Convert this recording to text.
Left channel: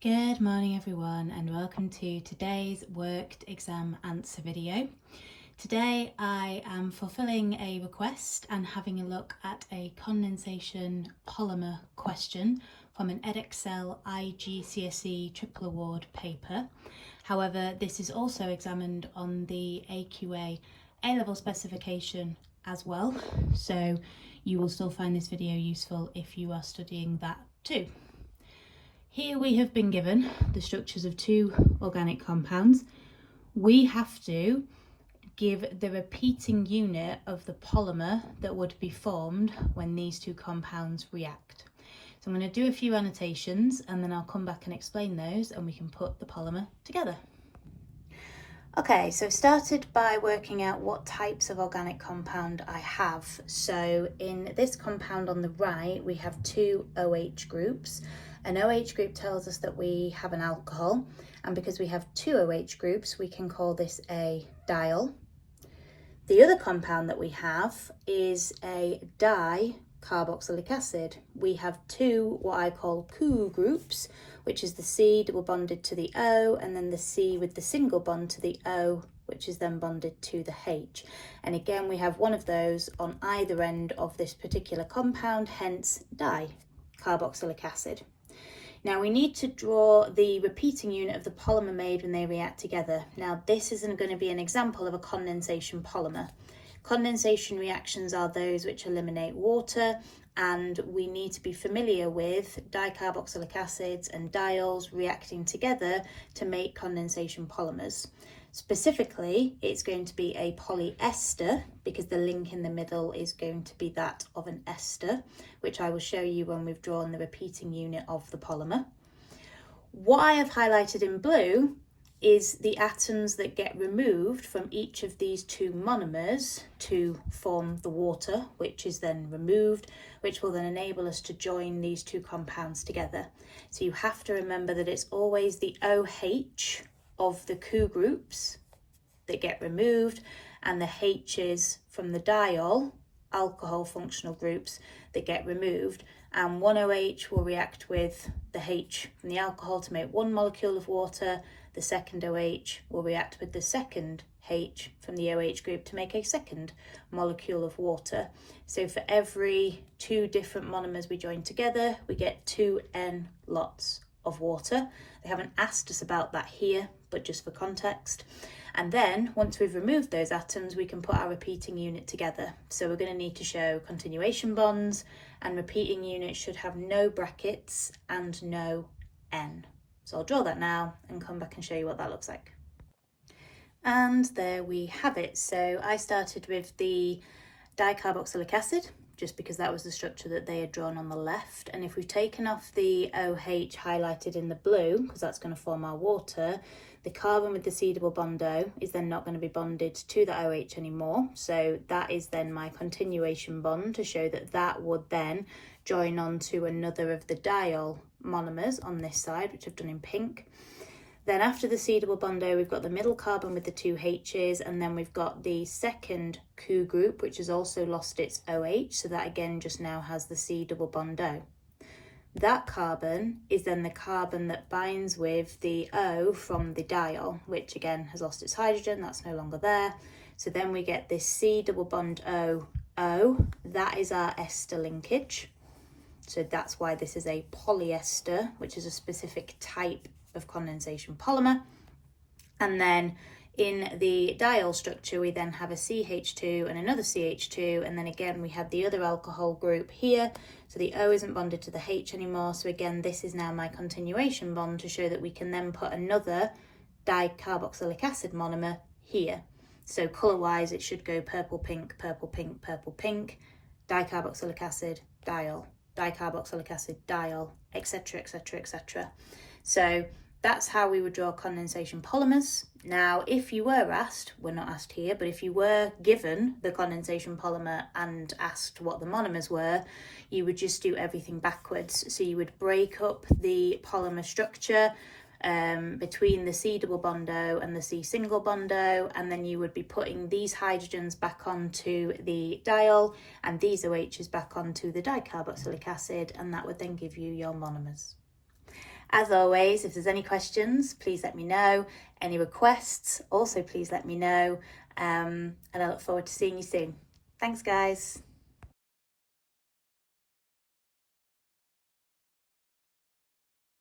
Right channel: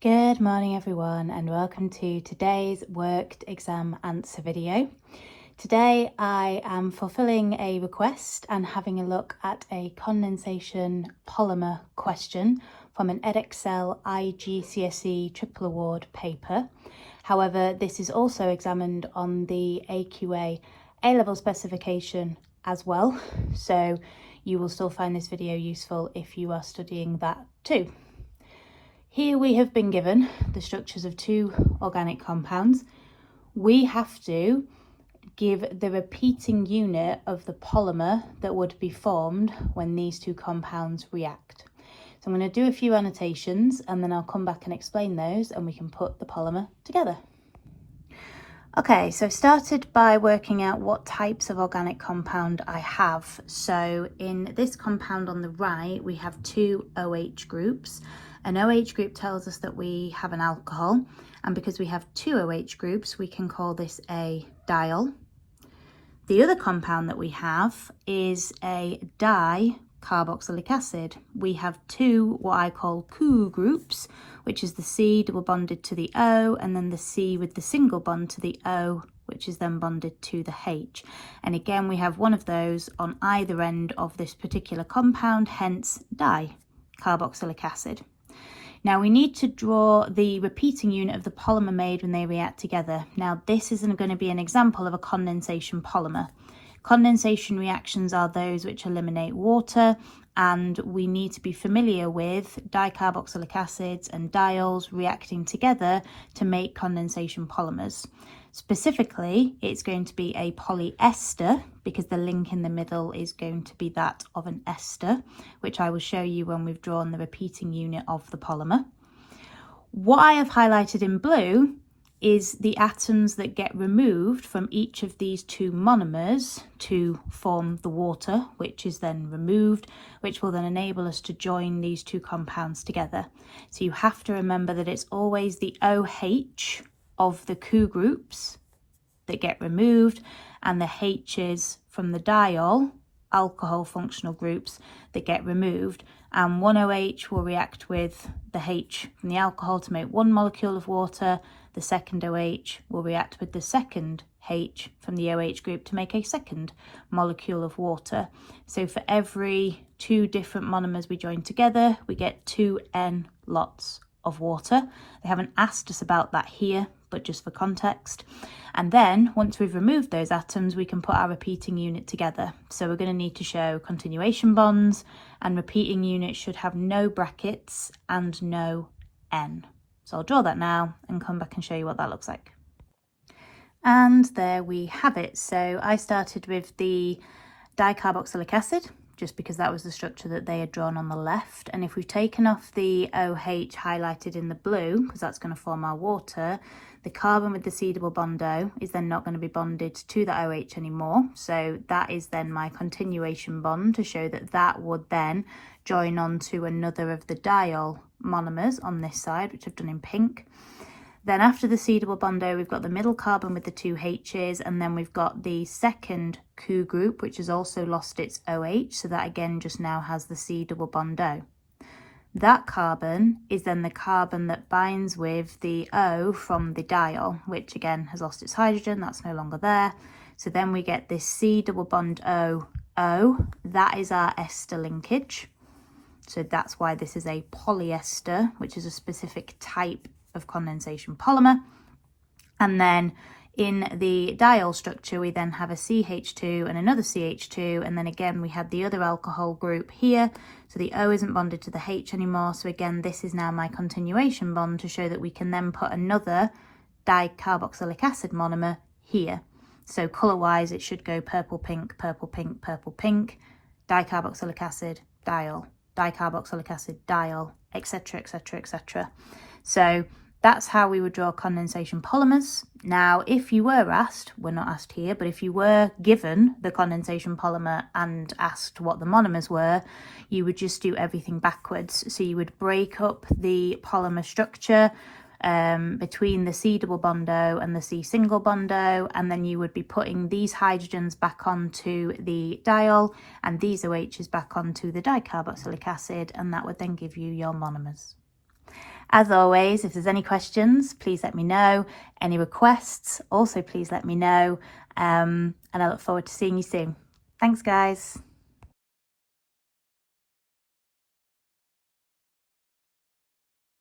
Good morning everyone and welcome to today's worked exam answer video. Today I am fulfilling a request and having a look at a condensation polymer question from an Edexcel iGCSE triple award paper. However, this is also examined on the AQA A-level specification as well, so you will still find this video useful if you are studying that too. Here we have been given the structures of two organic compounds. We have to give the repeating unit of the polymer that would be formed when these two compounds react. So I'm going to do a few annotations and then I'll come back and explain those and we can put the polymer together. Okay, so started by working out what types of organic compound I have. So in this compound on the right, we have two OH groups. An OH group tells us that we have an alcohol, and because we have two OH groups, we can call this a diol. The other compound that we have is a dicarboxylic acid. We have two what I call Cu groups, which is the C double bonded to the O, and then the C with the single bond to the O, which is then bonded to the H. And again, we have one of those on either end of this particular compound, hence dicarboxylic acid. Now we need to draw the repeating unit of the polymer made when they react together. Now this isn't going to be an example of a condensation polymer. Condensation reactions are those which eliminate water, and we need to be familiar with dicarboxylic acids and diols reacting together to make condensation polymers. Specifically, it's going to be a polyester because the link in the middle is going to be that of an ester, which I will show you when we've drawn the repeating unit of the polymer. What I have highlighted in blue is the atoms that get removed from each of these two monomers to form the water, which is then removed, which will then enable us to join these two compounds together. So you have to remember that it's always the OH of the Cu groups that get removed and the H's from the diol alcohol functional groups that get removed, and one OH will react with the H from the alcohol to make one molecule of water. The second OH will react with the second H from the OH group to make a second molecule of water. So for every two different monomers we join together, we get 2N lots of water. They haven't asked us about that here, but just for context. And then once we've removed those atoms, we can put our repeating unit together. So we're going to need to show continuation bonds, and repeating unit should have no brackets and no N. So I'll draw that now and come back and show you what that looks like. And there we have it. So I started with the dicarboxylic acid, just because that was the structure that they had drawn on the left. And if we've taken off the OH highlighted in the blue, because that's going to form our water, the carbon with the C double bond O is then not going to be bonded to the OH anymore. So that is then my continuation bond to show that that would then join on to another of the diol monomers on this side, which I've done in pink. Then after the C double bond O, we've got the middle carbon with the two H's, and then we've got the second Cu group, which has also lost its OH, so that again just now has the C double bond O. That carbon is then the carbon that binds with the O from the diol, which again has lost its hydrogen, that's no longer there. So then we get this C double bond O, O, that is our ester linkage. So that's why this is a polyester, which is a specific type of condensation polymer. And then in the diol structure, we then have a CH2 and another CH2, and then again we have the other alcohol group here. So the O isn't bonded to the H anymore. So again, this is now my continuation bond to show that we can then put another dicarboxylic acid monomer here. So colour-wise, it should go purple, pink, purple, pink, purple, pink, dicarboxylic acid, diol, dicarboxylic acid, diol, etc., etc., etc. So that's how we would draw condensation polymers. Now, if you were asked, we're not asked here, but if you were given the condensation polymer and asked what the monomers were, you would just do everything backwards. So you would break up the polymer structure between the C double bond O and the C single bond O, and then you would be putting these hydrogens back onto the diol and these OHs back onto the dicarboxylic acid, and that would then give you your monomers. As always, if there's any questions, please let me know. Any requests, also please let me know. And I look forward to seeing you soon. Thanks, guys.